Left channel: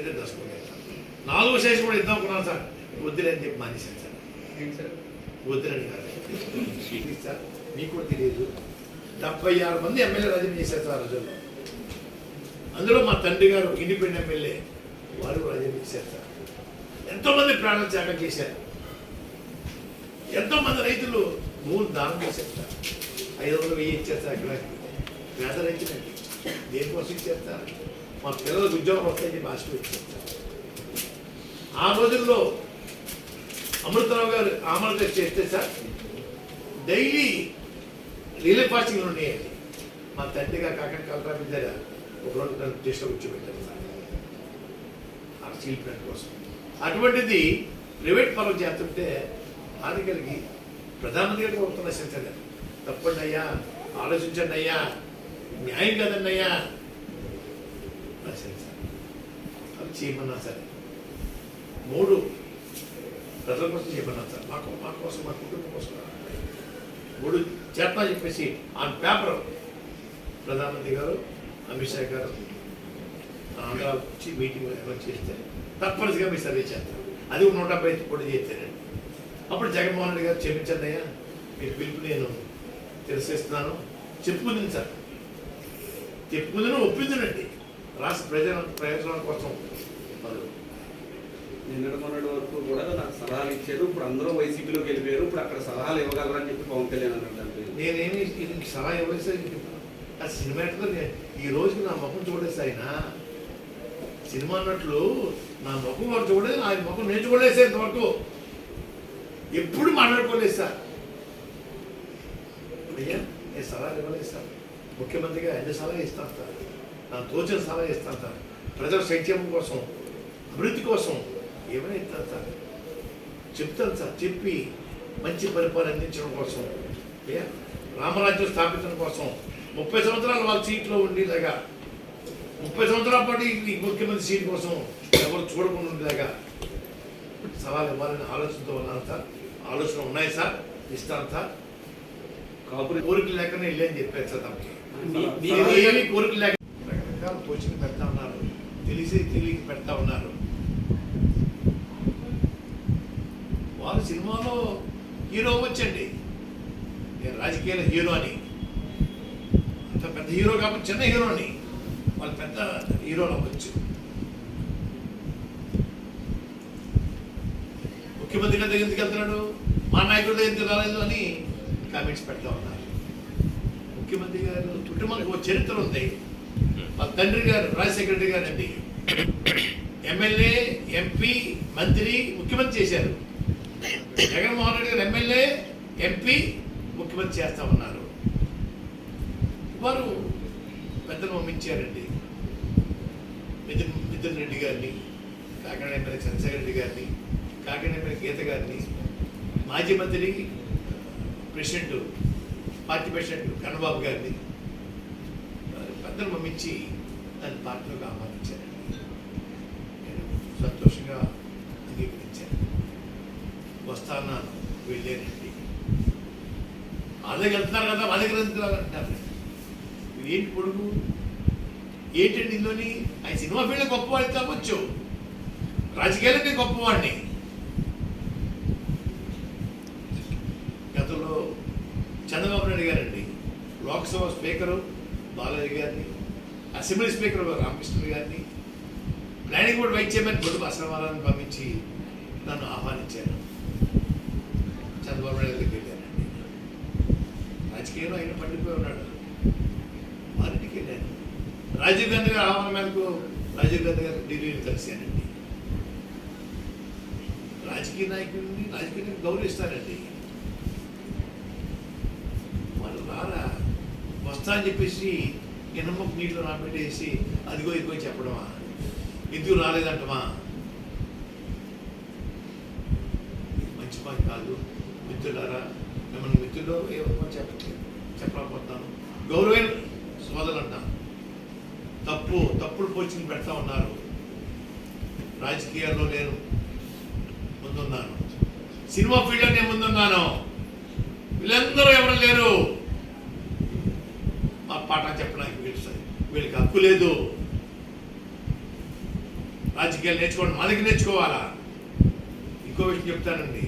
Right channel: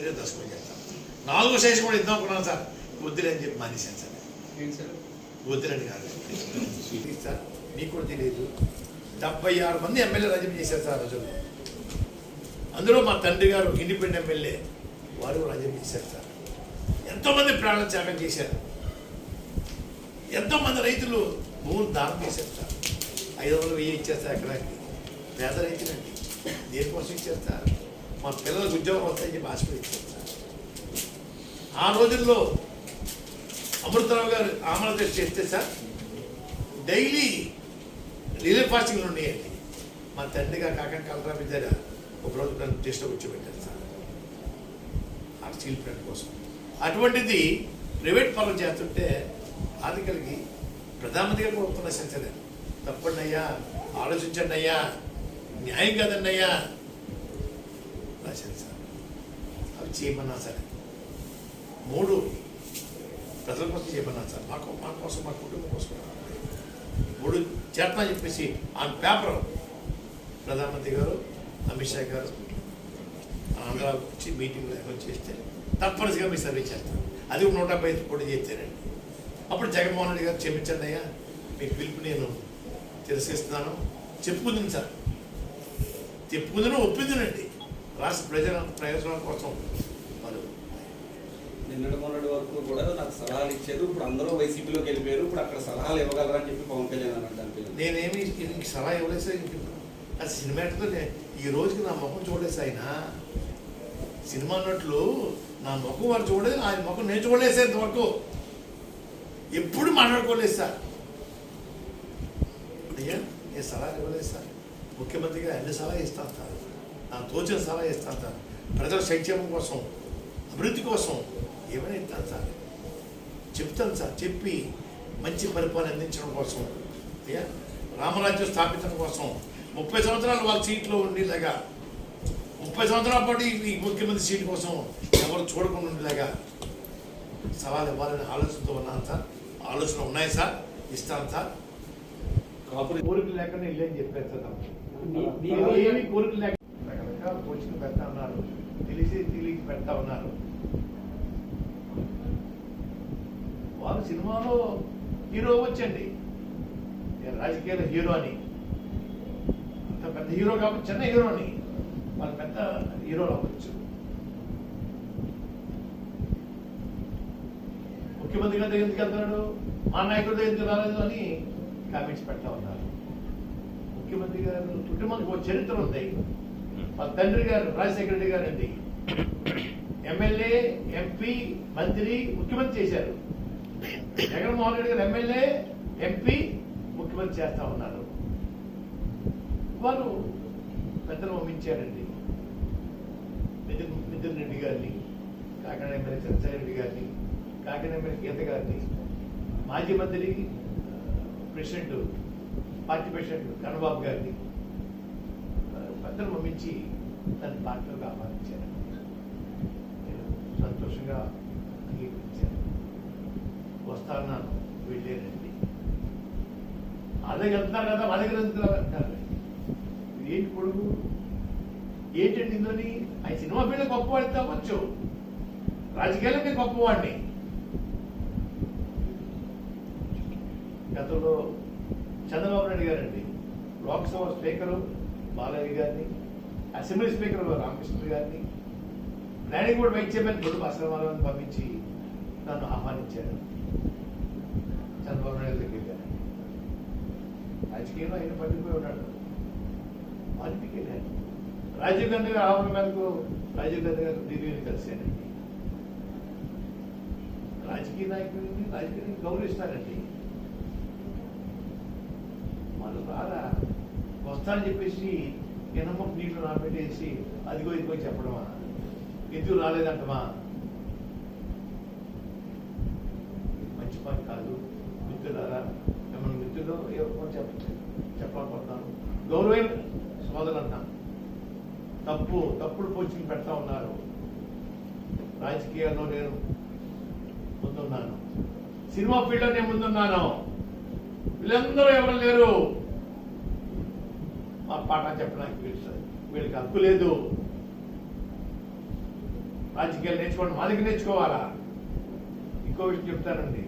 చర్య దర్శకులు నాలుగో సెషన్ కూడా ఇద్దాం అనుకున్నాను సార్. వద్దులే అని చెప్పి మానేశాను సార్. వద్దులని కాదు. సార్? మీకు కూడా తెలియదు. డెబ్బై ఆరు మంది ఎమ్మెల్యే రాజీనామా చేశారు సార్ రోజుల్లో. అందులో మా తండ్రి గారు ఇండిపెండెంట్ ఎమ్మెల్యే వారు రాజీనామా చేశారు సార్. ఎంతోమంది ప్రాణాలు త్యాగం చేశారు. ఎంతోమంది రైతులు భూములు దానం చేశారు సార్. ఐదు వందలు వెయ్యి ఇచ్చారు సార్ ఎకరాకి. పేద రైతులండి. దేనికోసం ఇచ్చారు సార్? మా పిల్లలకు ఉద్యోగం వస్తాయని భాష ఆ రోజుల్లో అమృతరావు గారు ఆమల గారు చేస్తే సార్ డైలీ రిలే ఫాస్టింగ్ ఉండేయండి మా తండ్రిగా కాకని కలరా విద్యారా ఒక రోజు నన్ను టెస్ట్లో కూర్చోబెట్టారు సార్. ఆ స్టీల్ ప్లాంట్ కోసం. అటువంటిది ప్రైవేట్ పనులు చేస్తుంటే ఆర్థికలకి ప్రధానమంత్రి గారు కోరుతున్న సెన్సర్. తప్పండి అయ్యా ఆలోచించండి అయ్యా న్యాయం కాదండి అయ్యా. రాశారు సార్ అది చేయమన్నా సరే. మూడు ప్రజల కోసం చేయమన్నా సార్. మాకు మా కోసం మా కుటుంబం కోసం. మూడు చేస్తా చెప్పేసి ఆన్ పేపర్ ప్రధానమంత్రి గారు అమిత్ షా గారు ఆంధ్ర వచ్చి మీటింగ్ వచ్చి తప్పనిసరిగా మీ సర్వే చేస్తారు. అది నూట డెబ్బై ఐదు కోట్లు చేస్తారండి. అప్పుడు జగన్మోహన్ రెడ్డి గారు చెప్పించండి అయ్యా. మీరు పిలుపు నేను తెలిసేస్తున్నాను చెప్పుకుంది సార్. చెప్పుకుందని ఒప్పిందనండి రాష్ట్ర ప్రజల ప్రయోజనాల కోసం. నిన్నటి మొన్నటి వరకు కూడా నాకు సలహాలు ఇచ్చారు. ఇప్పుడు అందరూ వైసీపీలోకి వెళ్ళిపోయారు. ఇప్పుడు అక్కడ సలహాలు ఇవ్వగలరని చెప్పి పవన్ కళ్యాణ్ అన్నట్టు నేనేమి సలహా ఇవ్వలేదు. ఆ సినిమా ఎట్లా నే- ఈ రోజుకి నా ముఖం చూడలేదు ఆయన. సినిమా అన్నట్లు నా ముఖం వారు చూడలేదు ఆయన ముఖం నేను చూడలేదు సార్ ఇంతవరకు. ఎప్పుడు మాట్లాడుకోలేదు సార్. నేను సలహా ఇవ్వలేదు సార్. ముఖ్యమంత్రిగా ఎన్ని సలహా ఇస్తాను సార్ నాకు తోచిన సలహా ఇస్తాను సార్ ప్రజల సంక్షేమం కోసం అభివృద్ధి కోసం ఏమైనా ఇస్తాను సార్ చెప్తాను సార్ చెప్పి మంచి పరిపాలన అందించడం కోసం ఏ? రామరాజ్యం స్థాపించడం కోసం. ముప్పై సంవత్సరాలు వాళ్ళ సీట్లో ఉండేలాగా ముప్పై సంవత్సరాల పాటు ఈ- ముఖ్యమంత్రి సీట్ కోసం ఎవరు చూడకుండా ఉండేలాగా సవాల్ ఇవ్వాలని ఆలోచనతో ఉన్నాను సార్. ఆలోచన ఉన్నాయి సార్ ఇస్తాను సార్. కోరికలు లేకనే వెళ్ళని చెప్పారు సార్ తమకి. కోరికలు లేక ఆలోచన పెడతా ఉన్నారు. తెలిసి తెలియక పెడతా ఉన్నారు. వారు సినిమాలో హీరో వచ్చండి నేను రాజకీయాల హీరో అని. అంత పెద్ద హీరో కాబట్టి చిన్న హీరో అని. వాళ్ళు పెద్ద హీరోలు అవ్వచ్చు. ముఖ్యమంత్రి గారి దగ్గరికి ఎందుకు వెళ్తున్నాడు? మా నాయకుడి దగ్గర ఎందుకు రాలేదు అని కామెంట్స్ పెడతా ఉన్నారు. ముఖ్యమంత్రి గారు కుటుంబానికి ఒక చరిత్ర ఉంది. మా తండ్రి గారు రాజశేఖర రెడ్డి గారు అండి ఎమ్మెల్యే ఎంపీ మంత్రి ముఖ్యమంత్రి చేశారు. జగన్మోహన్ రెడ్డి గారు ఎమ్మెల్యే ఎంపీ ముఖ్యమంత్రి చేస్తా ఉన్నారు. వారు పెద్దలు పంపించారండి. మిథున్ మిథున్ రెడ్డి గారిని కాకినాడ ఎమ్మెల్యే చంద్రశేఖర రెడ్డి గారిని కాకినాడ ఎమ్మెల్యే గీత గారిని మాజీ మంత్రి ప్రెసిడెంట్ పార్టీ ప్రెసిడెంట్ కన్నబాబు గారిని అందరూ మమ్మించి దాని దాన్ని పార్టీలోకి ఆహ్వానించారండి నేను సంతోషంగా అంగీకరించాను. వస్తాను వెళ్ళానండి. అదే వెళ్తున్నారు కదా మా దగ్గర ఎందుకు అంటున్నారు. ఏంటి పొడుగు ఏంటండి ఇందులోని? ఆయన సినిమా ఫీల్డ్ గొప్పవాడి కావచ్చు. రాజకీయాలకే గొప్పవాడిని. గతంలో చంద్రబాబు నాయుడు గారండి లోక్సభ స్పీకరు బాలయ్య గారిని అసెంబ్లీ స్పీకర్ రామకృష్ణ గారిని planning board vice chairman Boddu అసలవారాన్ని పంపించి నన్ను ఆహ్వానించారు. చంద్రబాబు నాయుడు దగ్గరికి వెళ్ళానండి రాజకీయంలో ఆయన పడిపోయి ఉన్నాడు. వారింటికి వెళ్ళాను. రాజీవ్ గాంధీ గారి ఆహ్వానం మేరకు రాజీవ్ గాంధీ గారు ఢిల్లీని కలిశానండి. రాజకీయ నాయకుడిని రాజకీయ గౌరవిస్తారండి. వాళ్ళు రారా? వస్తా అని చెప్పేసి ఎనమ్మ నీళ్ళు నాపెట్టేసి అదిగో ఇదిగో చెప్పడమా? ఎందుకు రాలేదంటమా? ఇది మంచి పని కాదు. మిత్రులారా మిమ్మల్ని మిత్రులు ఏమో చెప్ప చెప్పలేకపోతున్నాను. గౌరవైన సోదరులు అంటున్నాను తప్పు తప్పుడు పోస్టింగ్ పెడతా ఉన్నారు. రాజకీయాల్లో నేను ముందున్నాను. సినిమా ఫీల్డ్లో నేను ముందున్నాను. వీళ్ళందరూ ఎవరు లేరు? మా పాట చెప్పడానికి వీళ్ళు వీళ్ళకి హక్కు లేదు. రాజకీయాలు నేర్చుకోండి మా దగ్గర నేర్చుకోవాలా? ఇంకో విషయం చెప్తానండి.